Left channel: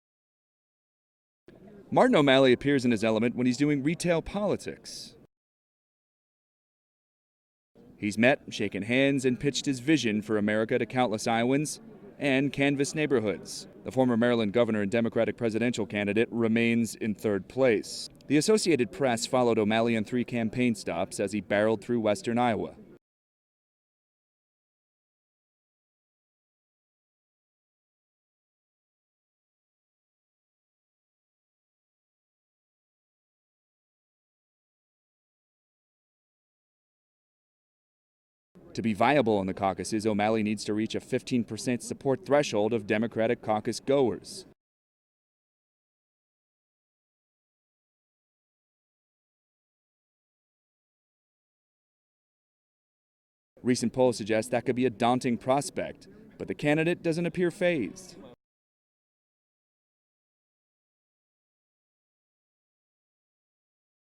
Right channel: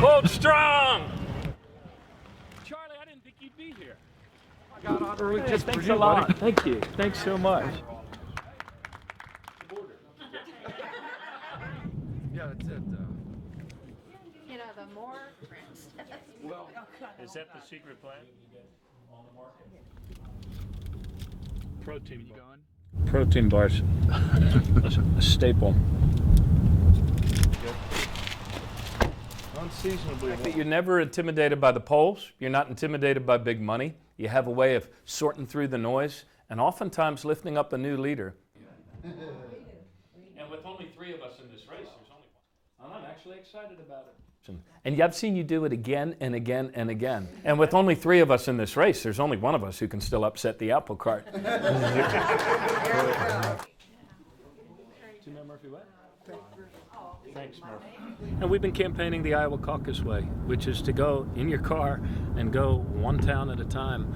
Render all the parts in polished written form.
Hold strong! Martin O'Malley appears in his element when he's doing retail politics. Thanks a lot. Thank you. Thanks so much. He's met, shaken hands, and pitched his vision for America to countless Iowans and canvassed neighborhoods. The former Maryland governor and Democratic presidential candidate remains in third place. The Associated Press followed O'Malley on 3 campaign stops as he barreled through western Iowa. Protein bars, a staple. Unseasonably. You're never intimidated by the polls. You're not intimidated by big money. You have a way of sorting through the noise and oftentimes lifting up a new leader. To be viable in the caucuses, O'Malley needs to reach a 15% support threshold of Democratic caucus goers. And I've seen you do it again and again and again. And with only 3 of us in this race, there's only one of us who can still upset the apple cart. Recent polls suggest that could be a daunting prospect, but the candidate doesn't appear fazed. And we've been campaigning the Iowa caucus way, which is to go in your car and go one town at a time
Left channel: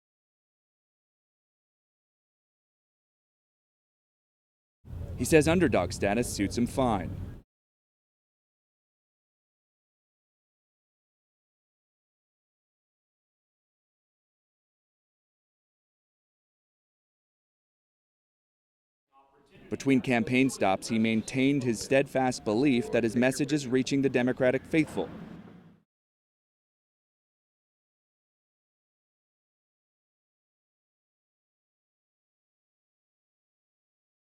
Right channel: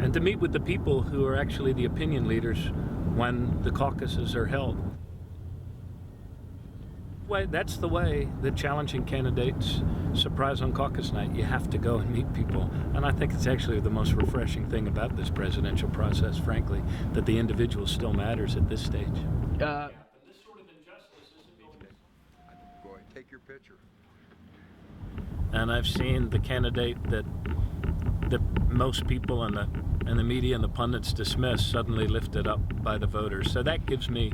and to meet with the people who are actually the opinion leaders when the caucuses are held. He says underdog status suits him fine. Well, that's the way the challenging candidates surprise on caucus night. You have to go and meet people. And I think it's actually the most refreshing thing about this presidential process, frankly, that the individual still matters at this stage. Between campaign stops, he maintained his steadfast belief that his message is reaching the Democratic faithful. And I've seen the candidate that most people and the media and the pundits dismiss suddenly lifted up by the voters. So that gives me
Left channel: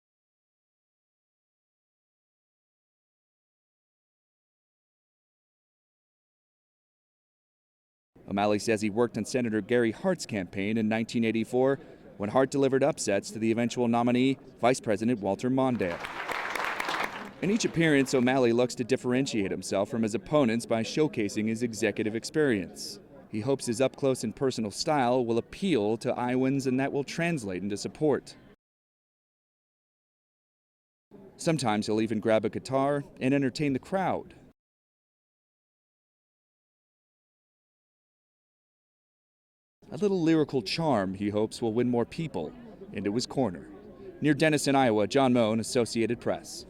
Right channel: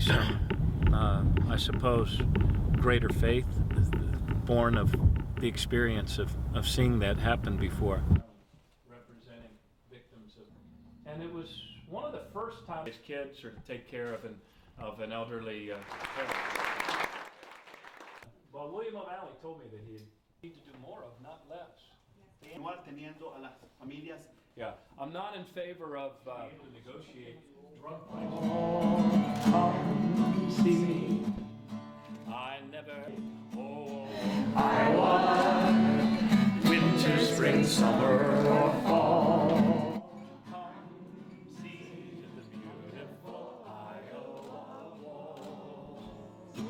some, I suppose, greater faith, born of the experience of seeing that happen before. O'Malley says he worked on Senator Gary Hart's campaign in 1984 when Hart delivered upsets to the eventual nominee, Vice President Walter Mondale. In each appearance, O'Malley looks to differentiate himself from his opponents by showcasing his executive experience. He hopes his up-close and personal style will appeal to Iowans and that will translate into support. Sometimes he'll even grab a guitar and entertain the crowd. Winter, spring, summer, or fall. A little lyrical charm he hopes will win more people into his corner. Near Denison, Iowa, John Mone, Associated Press.